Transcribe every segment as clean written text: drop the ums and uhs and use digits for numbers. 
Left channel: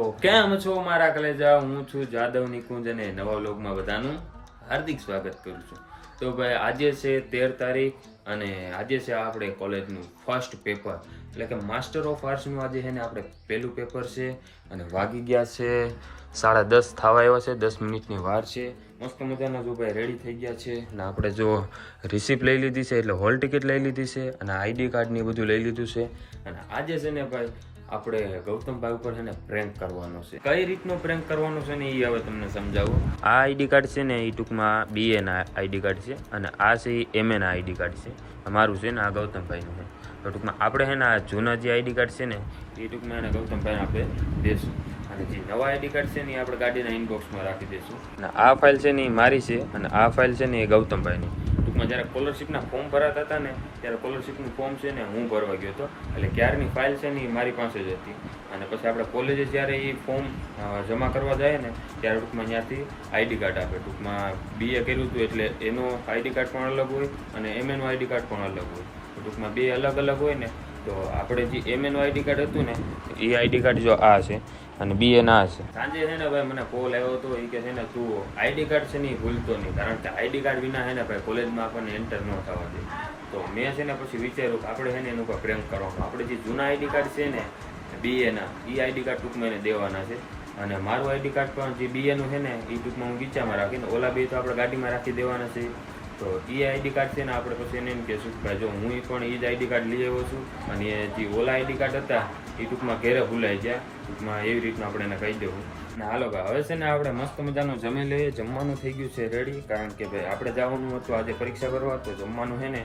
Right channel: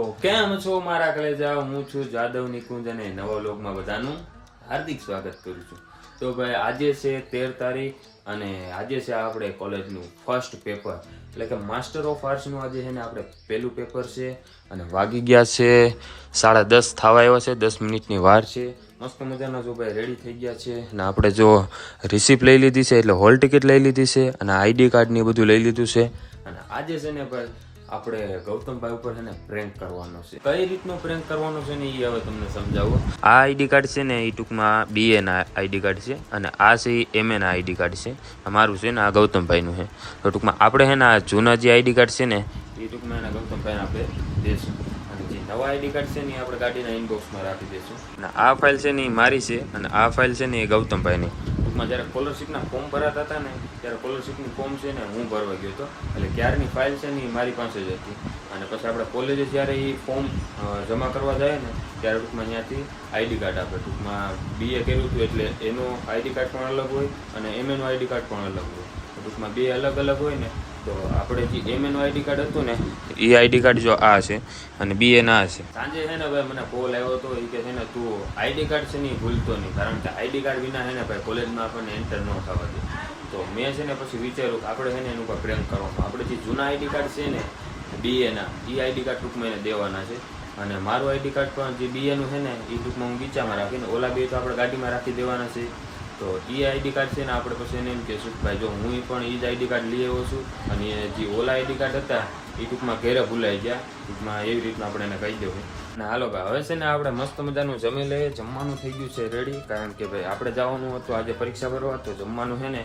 તો કેમ છો મારા કલેજા, હું છું જાદવ નિકુંજ અને નવા વ્લોગમાં બધાનું હાર્દિક સ્વાગત કરું છું. તો ભાઈ આજે છે 13 તારીખ અને આજે છે આપણે કોલેજનું ફર્સ્ટ પેપર, એટલે કે માસ્ટર ઓફ આર્ટ્સનું આજે છે ને આપણે પહેલું પેપર છે અને વાગી ગયા છે 10:30 થવા આવ્યા છે, 10 મિનિટની વાર છે. મસ્ત મજાના જો ભાઈ રેડી થઈ ગયા છે અને આપણે જો રિસિપ્ટ લઈ લીધી છે, એટલે હોલ ટિકિટ લઈ લીધી છે અને આઈડી કાર્ડ ને બધું લઈ લીધું છે. અને આજે છે ને ભાઈ આપણે ગૌતમભાઈ ઉપર છે ને પ્રેન્ક કરવાનો છે. કઈ રીતનો પ્રેન્ક કરવાનો છે ને એ હવે તમને સમજાવું. આ આઈડી કાર્ડ છે ને એ ટૂંકમાં BA ના આઈડી કાર્ડ છે અને આ છે MA ના આઈડી કાર્ડ છે. અમારું છે ને આ ગૌતમભાઈનું છે. તો ટૂંકમાં આપણે છે ને આ જૂના જે આઈડી કાર્ડ છે ને એ ટૂંકમાં એના ગૌતમભાઈને આપણે દેશું અને જે નવા આઈડી કાર્ડ છે ને એ આપણે ગાડીના ઇનબોક્સમાં રાખી દઈશું. અને આ ફાઇલ છે ને એ મારી છે અને આ ફાઇલ છે ને એ ગૌતમભાઈની. ટૂંકમાં જ્યારે સ્કોલરશીપના ફોર્મ ભરાતા હતા ને ત્યારે સ્કોલરશીપનું ફોર્મ છે ને હું ભરવા ગયો હતો, એટલે ક્યારની ફાઇલ છે ને એ મારી પાસે જ હતી. અને પછી આપણે કોલેજે જ્યારે એ ફોર્મ જમા કરવા જાય ને ત્યારે ટૂંકમાં ત્યાંથી આઈડી કાર્ડ આપે. ટૂંકમાં BA કર્યું હતું એટલે એનો આઈડી કાર્ડ પણ અલગ હોય અને MAનું આઈડી કાર્ડ પણ અલગ હોય. ટૂંકમાં બે અલગ અલગ હોય ને, તો આપણે જે MAનું આઈડી કાર્ડ હતું ને એ આઈડી કાર્ડ જો આ છે અને BA ના છે. સાંજે છે ને ભાઈ મને કોલ આવ્યો હતો, એ કે છે ને તું આઈડી કાર્ડ છે ને એ ભૂલતો નહીં, કારણ કે આઈડી કાર્ડ વિના છે ને ભાઈ કોલેજમાં આપણને એન્ટર ન થવા દે. તો મેં છે ને પછી વિચાર્યું કે આપણે છે ને એનું ઉપર પ્રેન્ક કરવાનું. આપણે જે જૂના આઈડી કાર્ડ છે ને BA ના એ આઈડી કાર્ડ ટૂંકમાં એને દેવાના છે અને મારું આઈડી કાર્ડ પણ જે BAનું છે ને એ ટૂંકમાં હું ગીચામાં રાખીને ઓલા બે તો આપણે ગાડીમાં રાખી દેવાના છે. તો એ આઈડી કાર્ડ છે ને આપણે પછી એને એમ કહેશું કે ભાઈ જો હું પણ એ જ આઈડી કાર્ડ લઈ આવ્યો છું અને જે ઓલા આઈડી કાર્ડ હતા એ ટૂંકમાં ઘેરે ભૂલાઈ ગયા. ટૂંકમાં એવી રીતના આપણે એને કહી દેવું. અને હાલો ભાઈ હવે છે ને આપણે મસ્ત મજાનું જમી લઈએ. જમવાનું થઈ ગયું છે રેડી, કારણ કે ભાઈ આપણે જવાનું હતું આજે પરીક્ષા ભરવા, તો જમવાનું છે ને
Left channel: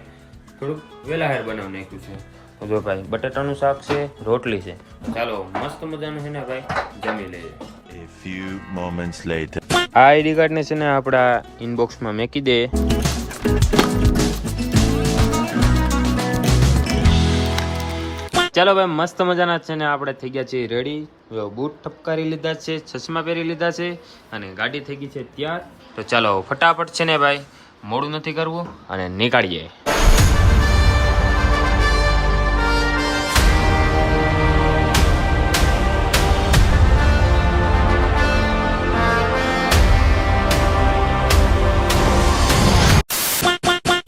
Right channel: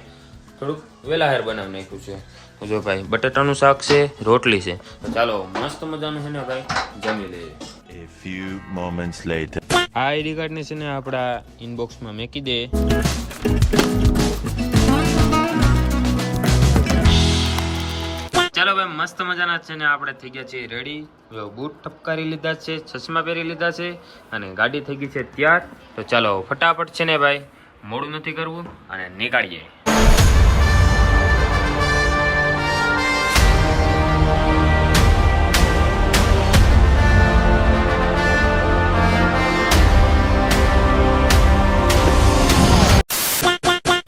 થોડુંક વહેલા બનાવી નાખ્યું છે. તો જો ભાઈ બટાટાનું શાક છે, રોટલી છે. તો ચાલો મસ્ત મજાનું છે ને ભાઈ જમી લઈએ. A few moments later. આ આઈડી કાર્ડ ને છે ને આપણા ઇનબોક્સમાં મેકી દે. ચાલો ભાઈ મસ્ત મજાના છે ને આપણે થઈ ગયા છીએ રેડી. બૂટ ઠપકારી લીધા છે, ચશ્મા પહેરી લીધા છે અને ગાડી થઈ ગઈ છે તૈયાર. તો ચાલો ફટાફટ છે ને ભાઈ મોડું નથી કરવું અને નીકળીએ.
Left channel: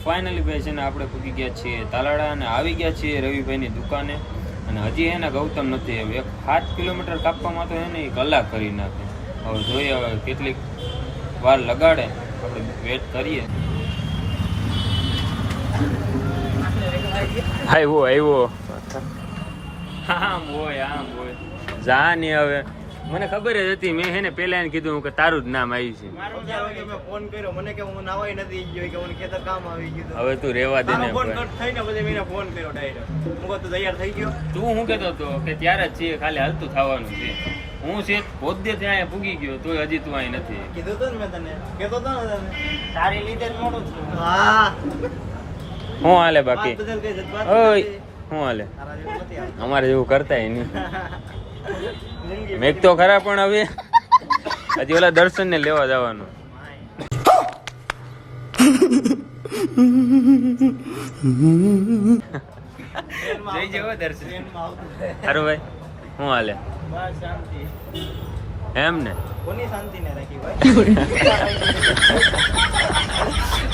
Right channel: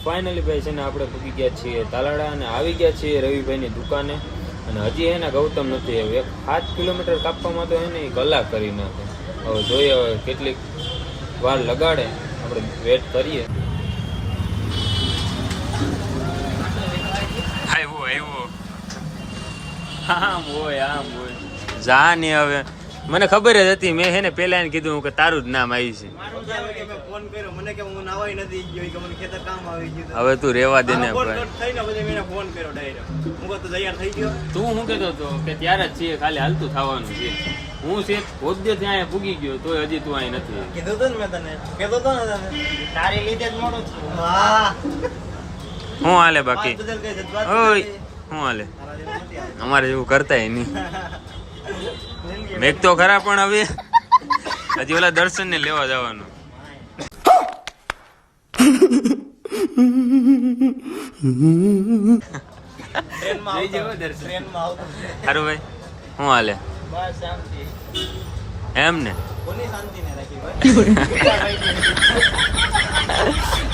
ફાઇનલી ભાઈ છે ને આપણે પૂગી ગયા છીએ તાલાડા અને આવી ગયા છીએ રવિભાઈની દુકાને. અને હજી એને ગૌતમ નથી આવ્યો. 7 કિલોમીટર કાપવામાં તો એને કલાક કરી નાખે. હવે જોઈએ હવે કેટલીક વાર લગાડે, આપણે વેટ કરીએ. આવ્યો આમ હોય જા ને. હવે મને ખબર જ હતી, મેં હે ને પેલા એને કીધું કે તારું જ નામ આવી છે. હવે તું રેવા દે ને ભાઈ. તું શું કેતો હતો કે ત્યારે જ છે ખાલી હાલતું થવાનું છે. હું છે પોતે ત્યાં પૂગી ગયો તોય હજી તું અહીં નથી. શું હાલે બાકી? ઓય શું હાલે? અમારે એવું કરતા નહીં. મેઘ તો ખરા, પણ હવે હજી ઓલા દર્શન ને લેવા જવાનું. જઈ જવો દર્શન. સારું ભાઈ શું હાલે? એમ ને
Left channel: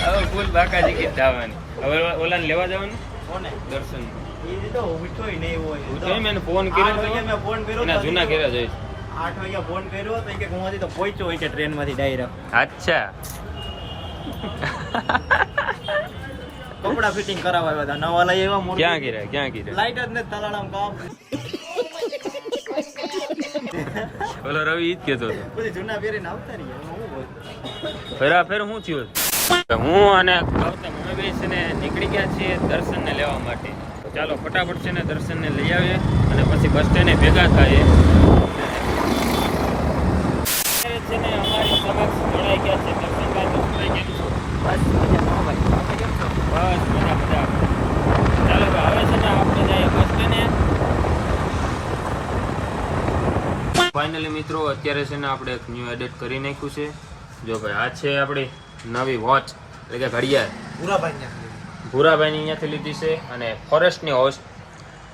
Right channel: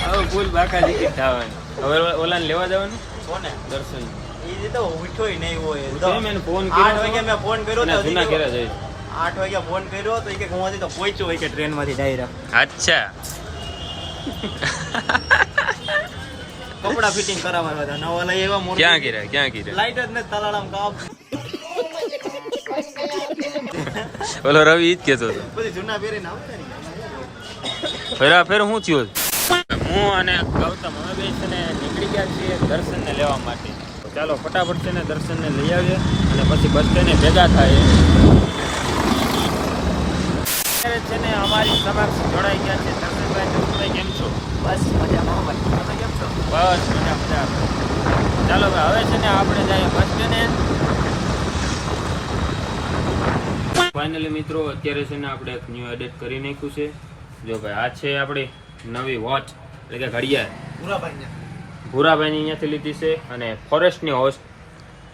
હવે ફૂલ બાકા જીકી થવાની. હવે ઓલાને લેવા જવાનું દર્શન. મેં ફોન કર્યો એના જૂના ઘેરા જઈશ. 8 વાગે ફોન કર્યો તો કે હું તો પહોંચ્યો હોય કે ટ્રેન માંથી ડાયરેક્ટ. અચ્છા કપડા ફિટિંગ કરાવવા હતા નવા લઈ આવ્યા. મોર ક્યાં ગીરા લાઈટ જ ને તલાડામ કાપ. ઓલો રવિ ઈ જ કેતો હતો. પછી જૂના પહેરીને આવતા રહ્યા. ફેરાફેર શું થયું? હું અને ગૌતમ હવે છે ને નીકળી ગયા છીએ દર્શન ને લેવા માટે. ચાલો ફટાફટ છે ને દર્શન ને લઈ આવીએ અને પછી બસ સ્ટેન્ડે ભેગા થાય. છે ને અમારી સમક્ષ જોડાઈ ગયા છે દર્શનભાઈ. બસ ચાલો હવે છે ને આપણે જઈએ બસ સ્ટેન્ડે. ફાઇનલી મિત્રો અત્યારે છે ને આપણે એક ન્યૂ એડિટ કરી નાખ્યું છે. જો ભાઈ આ છે આપણી નવી વોચ, એટલે કે ઘડિયાળ. ભૂરાભાઈની અહીંયાથી લીધી છે અને ફોરેસ્ટની હોસ્ટ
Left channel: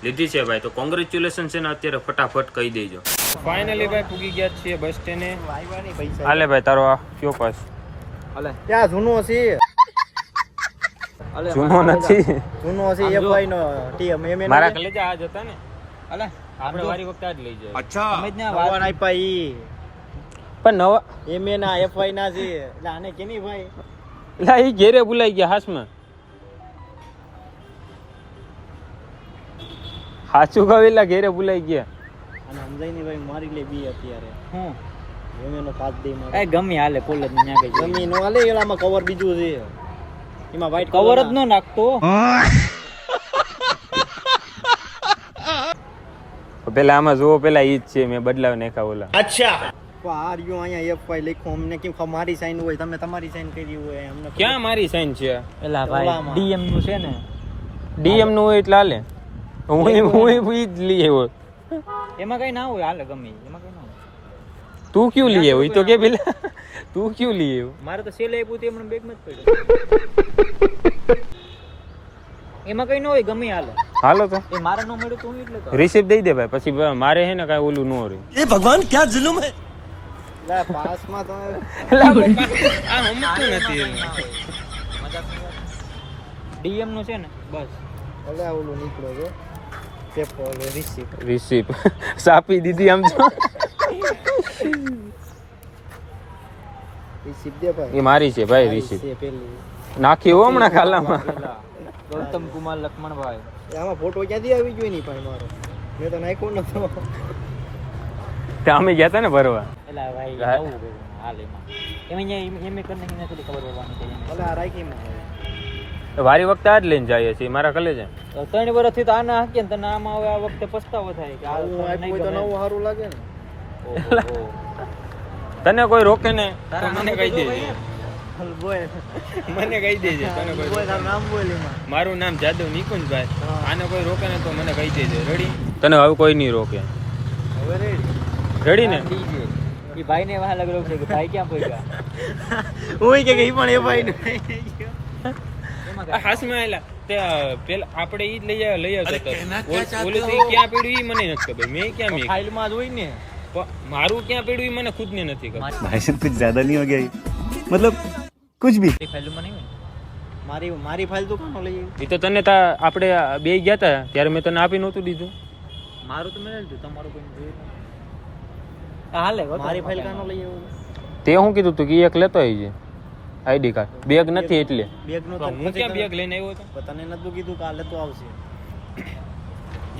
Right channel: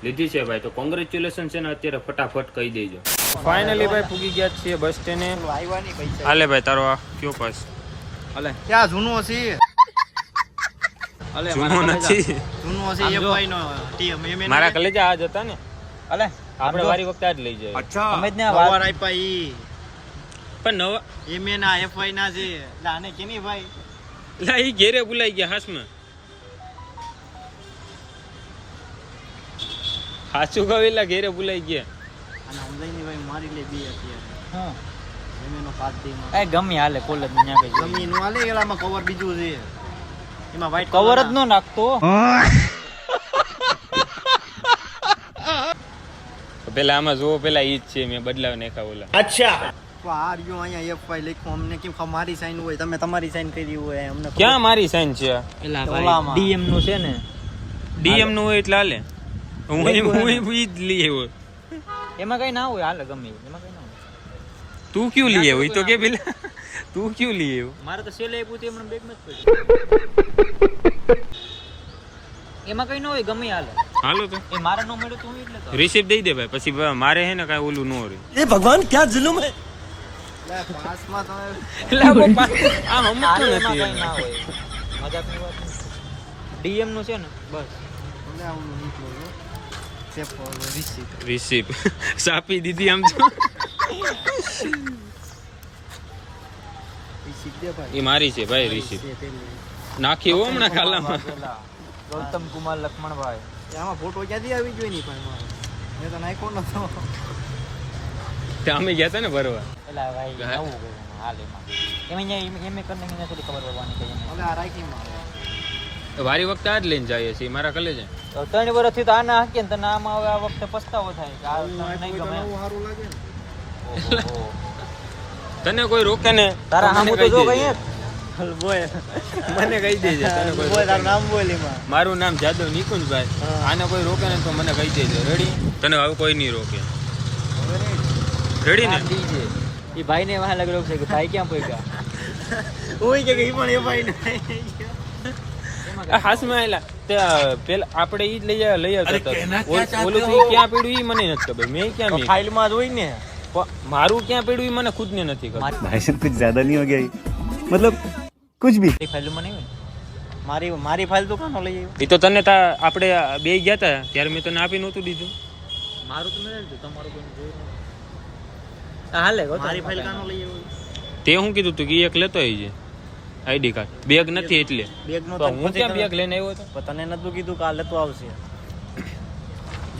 લીધી છે ભાઈ. તો કોંગ્રેચ્યુલેશન છે ને અત્યારે ફટાફટ કહી દેજો. ફાઇનલી ભાઈ પૂગી ગયા છીએ બસ સ્ટેન્ડે. આવ્યા નહીં પૈસા. હાલે ભાઈ તારો આ કયો પાસ? ત્યાં જૂનો છે. જૂનો નથી. જૂનો છે FY નો ટીમ એમ મારા કલેજા આજ હતા ને. અલે આપણે વારી વખતે આજ લઈ જાય. અમે જ ને વાર આપ્યા ઈ પણ નવા એમ ના FY ના છે એટલે આને કેની ભાઈ લા ઈ ઘેરે બોલાઈ ગયા હાસમાં. હાચું કવેલા ઘેરે બોલાઈ ગયા. અને સમજાય ભાઈ મારી લે બી અત્યારે એમ એનો 5 દે મારે એ ગમે હાલે કોલેજ માં ન્યા ગઈ ગમી નો હાલે એલામાં કવર બીજું છે એમાં વ્હાઈટ કવર જ નો નાખતો પેલા આમાં જોવો પેલા ઈ જ છે મેં બદલાવ નાખ્યા ઓલા. તો આ રહ્યો અહીંયા FY લખ્યું અમને કેમ ખબર મારી સાઈન હોય તમે તમારી સાઈન કરી હોય અમને ખબર. ક્યાં મારી સાઈન છે? એલા ભાઈ ઓલામાં. ડીએમ નું છે ને ડીએમ નું હોય એટલે હાલે. હું ઈ જ લઈ આવ્યો. એમાં કઈ ના હોય હાલે ગમે ઈ. એમાં કઈ ના હોય તું ક્યું લઈ આવ્યો? ઈ તો કે પેલા તું ક્યું લઈ આવ્યો? મારે તો સેલ આપ્યું તે મને બેગ માં જ પડ્યું એમાં કઈ ન હોય ગમે ઈ હાલે હાલો તો એ મારા ન મળે તો હું એટલે કહું. રિસીપ દઈ દે ભાઈ, પછી મારે હે ને કાંઈ ઓલું ન રહે. લા, પાસમાં તમે આ સમજતો નથી એમ. મજાકની વાત ડીએમ નું છે ને બસ ભલે આ ઓલું નીકળે છે પેપર રિસીપ્ટ રિસીપ સાપી દીધી આમ તો. રિસીપ્ટ દે ભાઈ એ મારી છે ભાઈ રિસીપ. છે પેલું નાખી હો હમણાં ખાલામાં. ગૌતમ કુમાર લક્ષ્મણભાઈ આમાં ફોટો ક્યાંથી આવી ગયો નહીં પણ મારો મેં તો નાખ્યો નતો તે અમે ગયા હતા ને ભરવા. એલા ભાઈ હા. આવું બહુ હાલે એમ એમ કરને મને થોડી ખબર હોવાની છે ભલે આ રાખી માં વારી વખતે આ જ લઈને જઈએ છીએ મારા કલેજે. તો 3 વર્ષથી તો આના હાકે ને તને આમાં હવે આ વખતે પસ્તાવો થાય કે આવું આ આપ્યું હોય તો નવું સારું લાગે ને તને કોઈ રોકે ને તારા તો મને નામ કહી તો દેજે. બોય મને કહી દેજે તને કોઈ રોકે ને. નામ બોલ એમાં મારું નામ જાદવ નિકુંજભાઈ. આને કોઈ રોકે ને તો મને કહી દેજો. રેડી? તને હવે કોઈ નહીં રોકે. હવે રેડી રેડી ને? એ ભાઈ ને વાહ લગ છે કે ભાઈ ક્યાં પડ્યા ઓય કે ઈ પણ એ ભાઈ ને હાસમાં આયેલા તે પેલા આપણે ઈ જ લઈ આવતો હતો. ઓલું તો ઈ ક્યાં પડ્યું ઈ મને નથી ખબર. મેં ક્યાં મેં ફાઇલ માં જ હોય ને મારું ક્યાં પડ્યું ઈ મને ખુદ ને નથી ખબર. भाई साहब कुछ ज्यादा नहीं हो गया ये? मतलब कुछ भी એ ફાઇલ માં નહીં મારી ફાઇલ તો કાનો લઈ આવ્યો ઈ તો તને આપણે બે ગયા હતા ત્યારે મેં તને આપી નહોતું દીધું. મારું તો મેં લીધું તમારું કોઈ જોયું નથી હાલે મારી ફાઇલ કાનો લઈ આવ્યો તે હું કીધું તું કે ઈ એક લેતો આવી છે આઈડી કાર્ડ. બેગ નથી એટલે બેગ નો તો હું ક્યાં બેગ લઈને આવ્યો હતો? તને નતું કીધું કે આ લેતો આવશે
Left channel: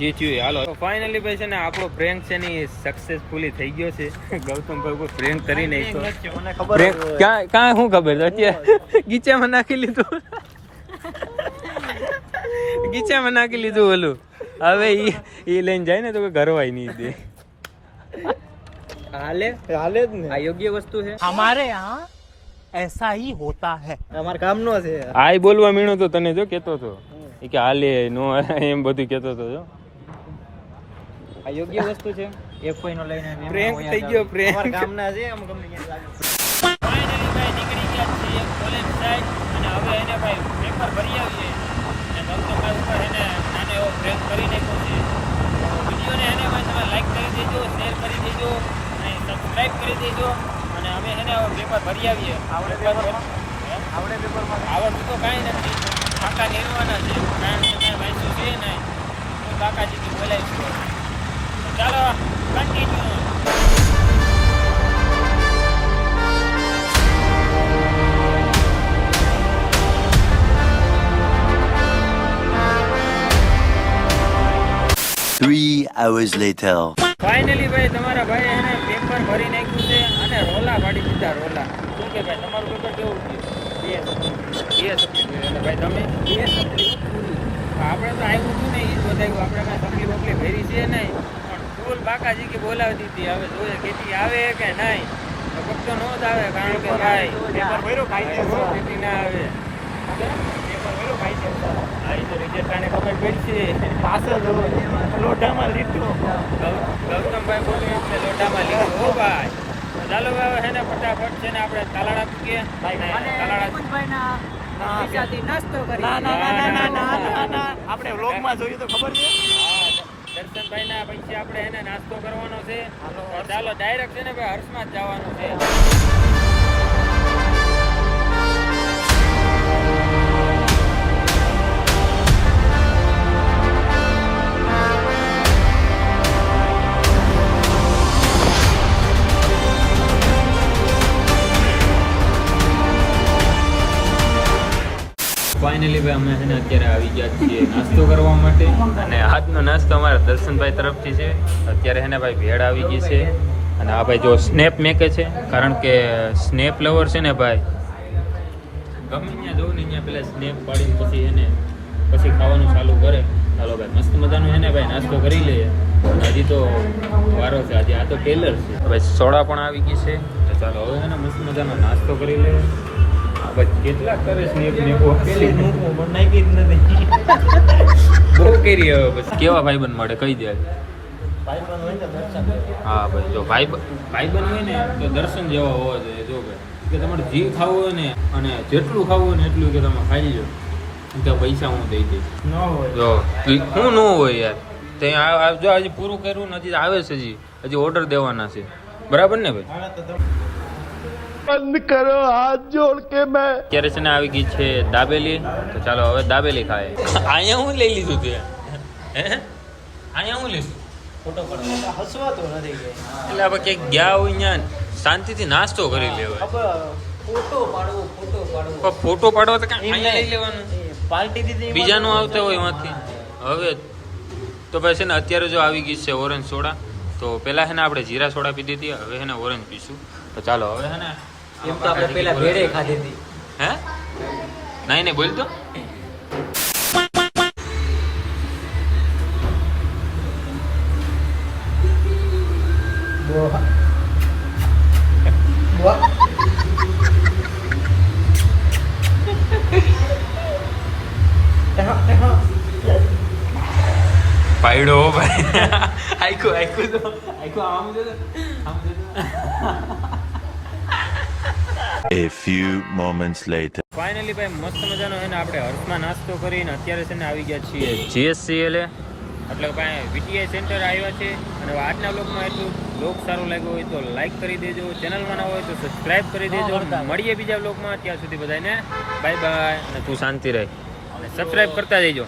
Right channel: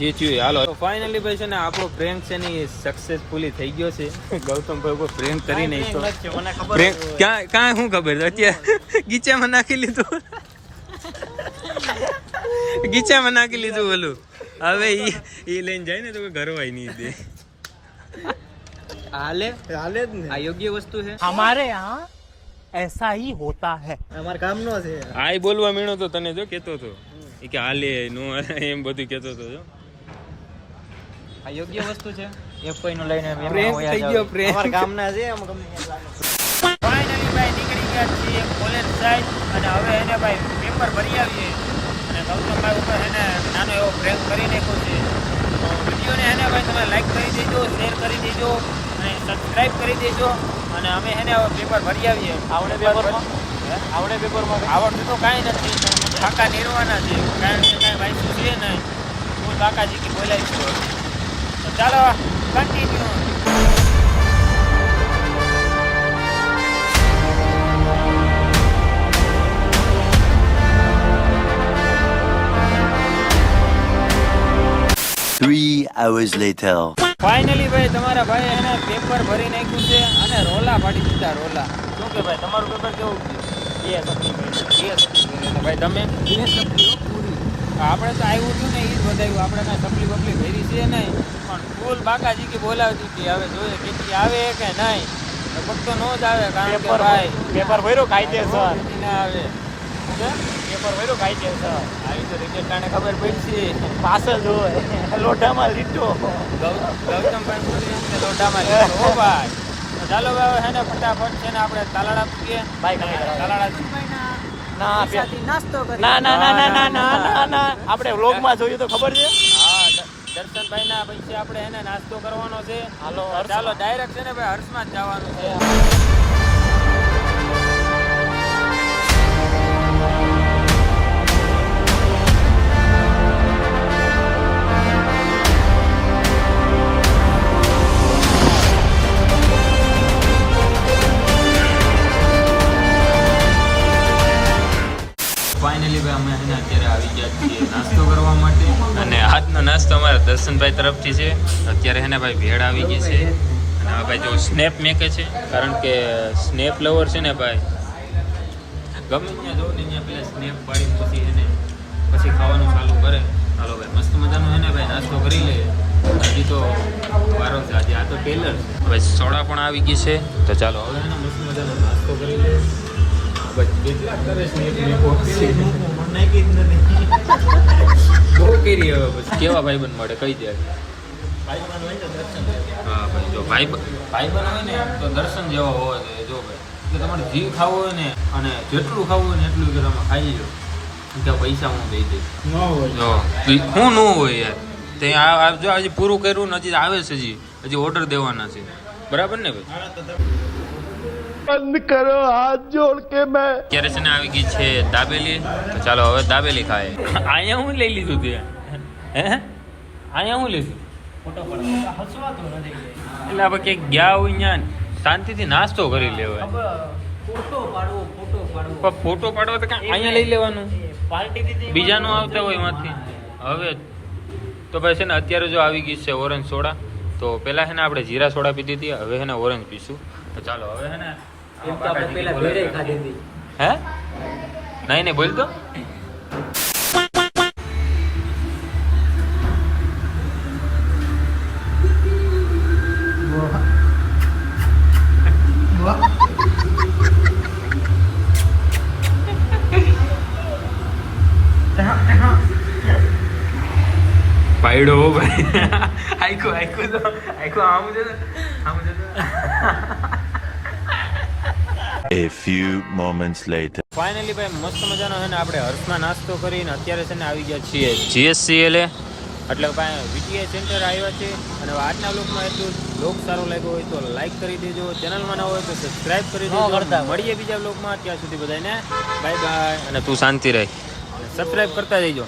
જે થયું એ હાલો. ફાઇનલી ભાઈ છે ને આપણો પ્રેન્ક છે ને એ સક્સેસફુલી થઈ ગયો છે. ગૌતમભાઈ કોઈ પ્રેન્ક કરી નાખ્યો. મને ખબર પ્રેન્ક ક્યાં શું ખબર છે અત્યારે ગીચામાં નાખી લીધું. ગીચામાં નાખી લીધું ઓલું. હવે ઈ લઈને જાય ને તો કોઈ ઘરવાય નહીં દે. હાલે હાલે જ ને આ યોગ્ય વસ્તુ છે हमारे यहाँ ऐसा ही होता है. અમાર કામ નો છે આ બોલવા મીણો તો તને જો કેતો હતો એ કે હાલે નો એમ બધું કેતો હતો જો. આ યોગ્ય વસ્તુ છે એક કોઈનો લઈને એમ પ્રેન્ક થઈ ગયો પ્રેન્ક. અમાર કામ ના છે આમ ગમે ત્યાં ચાલે ફાઇનલી ભાઈ નીકળી ગયા છીએ કોલેજ સાઈડ અને હવે એને ભાઈ પેપર ભરી આવીએ અને ગૌતમભાઈ ઉપર એને નાનો એવો પ્રેન્ક કરી નાખ્યો છે. તો વિડીયોને એને ભાઈ તમે લાઈક કરી દેજો, શેર કરી દેજો અને સબસ્ક્રાઇબ કરી દેજો અને અમે એને હવે પેપર ભરી આવીએ. આવડે પેપરમાં આવડતું તો કાંઈ નથી, કાકા નિર્વાના છે કારણ કે કાંઈ વાંચ્યું છે ને હું કાકાજીથી બોલાય છું. તો ચાલો continue. Three hours later. Finally ભાઈ તમારા ભાઈ એને પેપર ભરી નાખ્યું છે અને રોલા પાડી દીધા રોલા. શું કે ભાઈ તમારું પેપર કેવું ગયું? અને ભાઈ તમે આપણે તો આવ્યું હતું ને એ જ બતાવ્યું. આપણે કાંઈ સબ્જી બબલી ભરી છે નહીં પણ ફૂલ બાકાજી કે બોલાવતી હતી. હવે જોઈએ કેટલી આવે કે નહીં. લગભગ તો નો જ આવે કારણ કે ભાઈ પેપર ભર્યો કાયદેસર કેટલી ના આવે. પેપર ભર્યો કાયદેસર આ તો રિઝલ્ટને ખબર પડશે. પાછળ જો લોઢામાં લીધો ગૌતમભાઈ બોલે એટલે લોઢામાં લીધો હો ભાઈ. તો ચાલો ભાઈ હવે હે ને ફટાફટ છે ને આપણે તાલાળા પૂગીએ. તાલાળા ના આપણે વ્લોગમાં જોયું તો ખબર છે હા દર્શનભાઈ ના પછી આપણે એને નાસ્તો કરવાનો છે. ચાલો ડાયરેક્ટ છે ને ભાઈ હર્ષમાં જ જવાનું છે. ફાઇનલી ભાઈ અમે એને અત્યારે આવી ગયા છીએ નાસ્તો કરવા માટે. અને આજનો નાસ્તો અમારા દર્શનભાઈ તરફથી છે. અત્યારે એને ભાઈ ભેળ આવી ગઈ છે. અને આ ભાઈ જો સ્નેપ મેકે છે, કારણ કે સ્નેપ લવર છે ને ભાઈ, ગમે ત્યાં જવું ને ત્યાં પેલા સ્નેપ પાડીને પછી ખાવાનું ચાલુ કરે. ચાલો ભાઈ મસ્ત મજાનો છે ને ભાઈ નાસ્તો કરી લઈએ. હજી તો વારો છે, આજે આ તો ટેલર છે. ભાઈ સોડા પણ આવી ગઈ છે, તો ચાલો હવે એને મસ્ત મજાનો નાસ્તો કરી લઈએ. કેટલા કરે સ્નેપ મેકો નાખી જ નથી. બહુ કરી હવે પછી કેવા ભાઈબંધ માટે કહી દે. ભાઈ પણ હોય ને દર્શન લેવા. હા ભાઈ જો ભાઈબંધ હોય ને તો દર્શન જેવો હોવો જોઈએ. જો ભાઈ કે તમારે જે ખાવું હોય ને અને જેટલું ખાવું હોય ને એટલું કે તમે ખાઈ લો, તો પૈસા હું દઈ દઈશ. ન હોય જો હું ન હોય યાર, તે જો હજી પૂરું કર્યું ને હજી આવે છે, હજી ઓર્ડર દેવાના છે. બરાબર ને ભાઈ? बंद करो हाथ जोड़ के मैं અત્યારે છે ને આવી ગઈ છે દાબેલી. તો ચાલો હવે દાબેલી ખાય. અહીંયા હું લઈ લીધું તે હે અહીંયા હું લીધું ફોટો પાડવા હસવાતો નથી. એટલે આપણે ક્યાંક ગયા હોય ત્યાં શાંતિથી નાસ્તો કરી લેવાય. ફોટો પાડવું પણ ફોટો પાડવો તો કાંઈ અહીંયા લઈ લેવાનું, પાર્ટી દીધી બીજાનો આવતા હોય એમાંથી. હવે તો ભાઈ છે ને અત્યારે જો આવી ગઈ છે ઓરેન્જ સોડા. તો પહેલાં છે ને આપણે જીરા સોડા પીધી હતી, હવે છે ને ઓરેન્જ પીશું. તો ચાલો હવે છે ને એમ તો આપણે પેલા ભેળે ખાધી હતી. હે નહીં બોલ તો. પાયડો ભાઈ આખું આમ છે. A few moments later. Finally ભાઈ મસ્ત મજાનો છે ને આપણે હર્ષમાં નાસ્તો કરીને અત્યારે છે ને આવી ગયા છીએ GSCLA. એટલે ભાઈ VTI સેન્ટર આવ્યા છે. અને આજના બ્લોગમાં એટલું બ્લોગ સારો લાગ્યો હોય તો લાઈક કરી દેજો, ચેનલમાં ન હોય તો સબસ્ક્રાઇબ કરી દેજો. મળીએ બીજા બ્લોગમાં, ત્યાં સુધી બધાને બાય બાય. અને તું શાંતિ રહે અને સબસ્ક્રાઇબ કરતા જઈજો.